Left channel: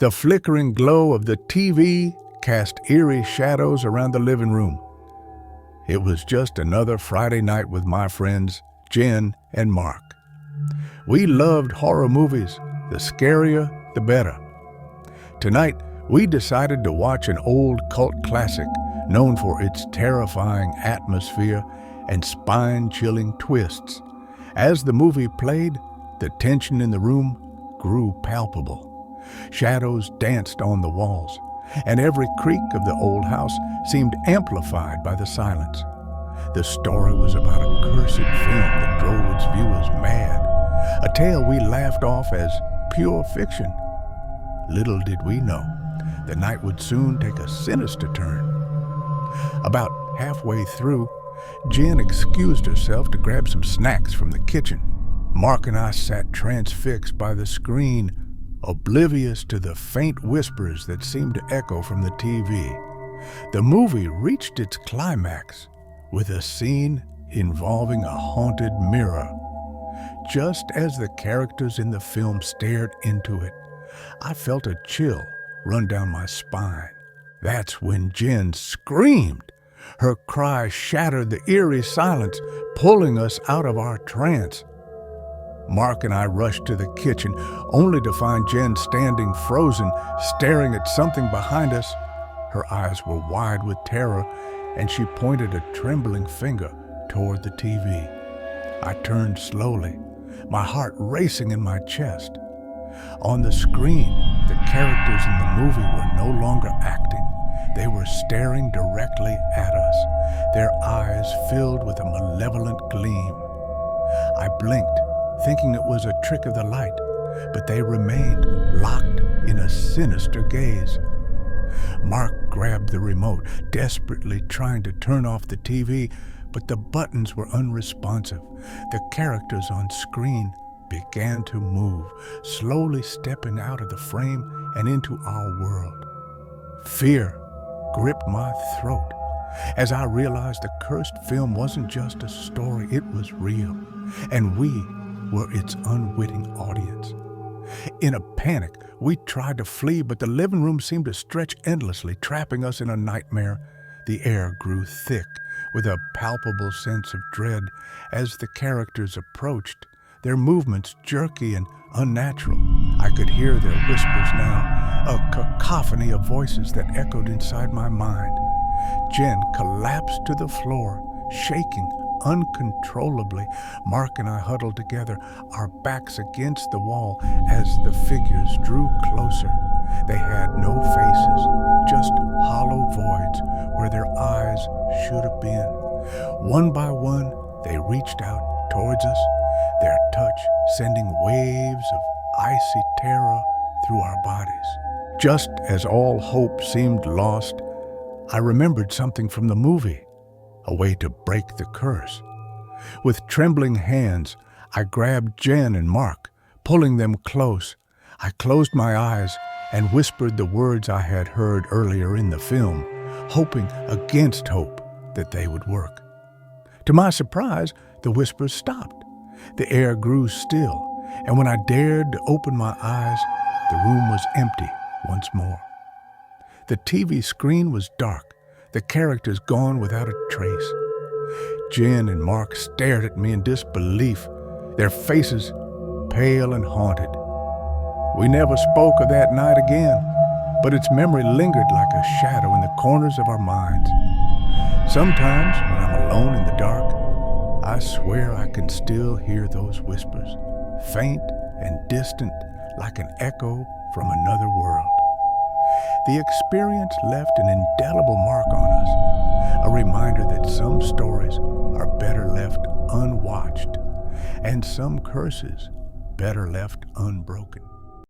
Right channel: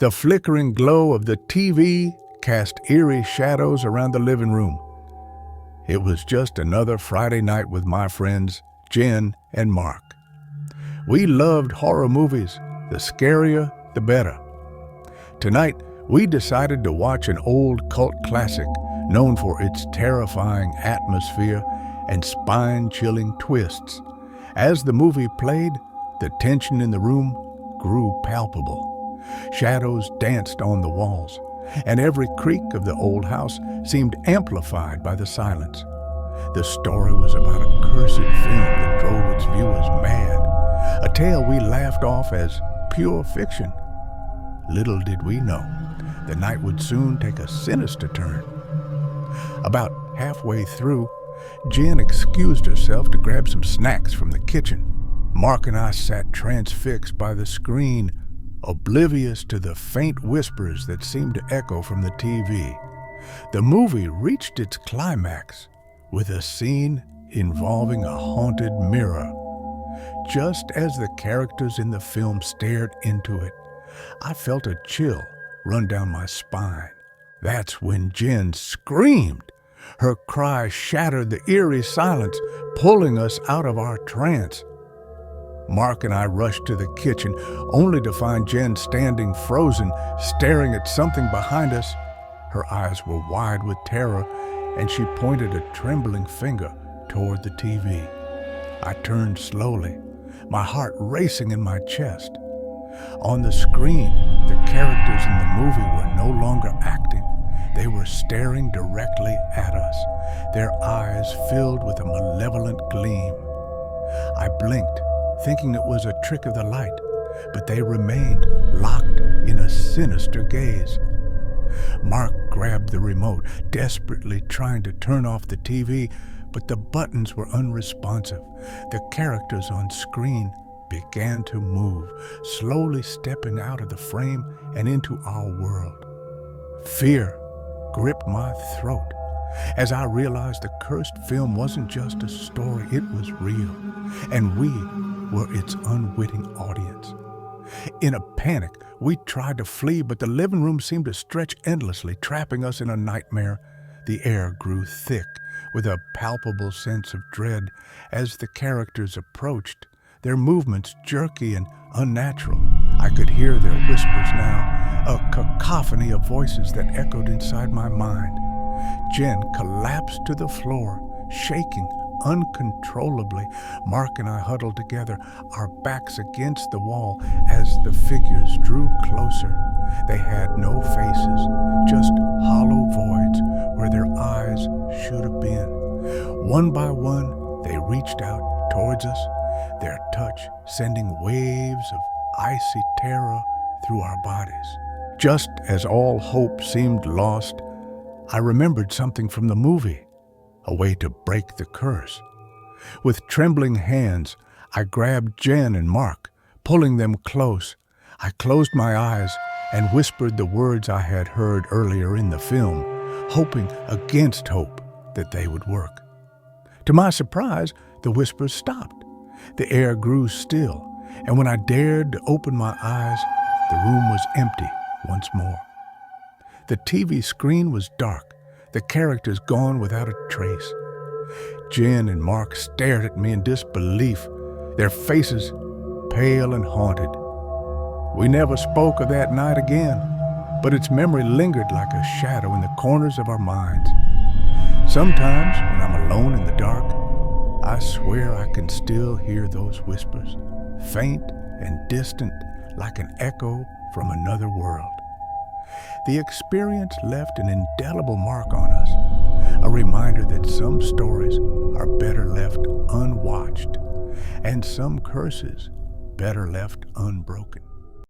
The flickering glow of the TV cast eerie shadows around the living room. It was just another Friday night with my friends, Jen and Mark. We loved horror movies. The scarier, the better. Tonight, we decided to watch an old cult classic known for its terrifying atmosphere and spine-chilling twists. As the movie played, the tension in the room grew palpable. Shadows danced on the walls, and every creak of the old house seemed amplified by the silence. The story was about a cursed film that drove its viewers mad, a tale we laughed off as pure fiction. Little did we know, the night would soon take a sinister turn. About halfway through, Jen excused herself to grab some snacks from the kitchen. Mark and I sat transfixed by the screen, oblivious to the faint whispers that seemed to echo from the TV. The movie reached its climax with a scene involving a haunted mirror. Just as the characters in the film stared into it, I felt a chill run down my spine. That's when Jen screamed. Her cry shattered the eerie silence, pulling us out of our trance. Mark and I rushed to the kitchen, only to find Jen standing frozen, staring at something behind us. Her eyes were wide with terror, and she pointed a trembling finger toward the TV. I turned slowly, my heart racing in my chest. On the screen, the characters in the movie were no longer acting. They were staring directly at us, their eyes filled with a malevolent gleam. I blinked, thinking it was a trick of the light, but they remained locked in a sinister gaze. Mark grabbed the remote, desperately trying to turn off the TV, but the buttons were unresponsive. The characters on screen began to move, slowly stepping out of the frame and into our world. Fear gripped my throat as I realized the cursed film wasn't just a story, it was real, and we were its unwitting audience. In a panic, we tried to flee, but the living room seemed to stretch endlessly, trapping us in a nightmare. The air grew thick with a palpable sense of dread as the characters approached, their movements jerky and unnatural. I could hear their whispers now, a cacophony of voices that echoed inside my mind. Jen collapsed to the floor, shaking uncontrollably. Mark and I huddled together, our backs against the wall as the figures drew closer. They had no faces, just hollow voids where their eyes should have been. One by one, they reached out towards us, their touch sending waves of icy terror through our bodies. Just as all hope seemed lost, I remembered something from the movie, a way to break the curse. With trembling hands, I grabbed Jen and Mark, pulling them close. I closed my eyes and whispered the words I had heard earlier in the film, hoping against hope that they would work. To my surprise, the whispers stopped. The air grew still, and when I dared to open my eyes, the room was empty once more. The TV screen was dark, the characters gone without a trace. Jen and Mark stared at me in disbelief, their faces pale and haunted. We never spoke of that night again, but its memory lingered like a shadow in the corners of our minds. Sometimes, when I'm alone in the dark, I swear I can still hear those whispers, faint and distant like an echo from another world. The experience left an indelible mark on us, a reminder that some stories are better left unwatched, and some curses better left unbroken.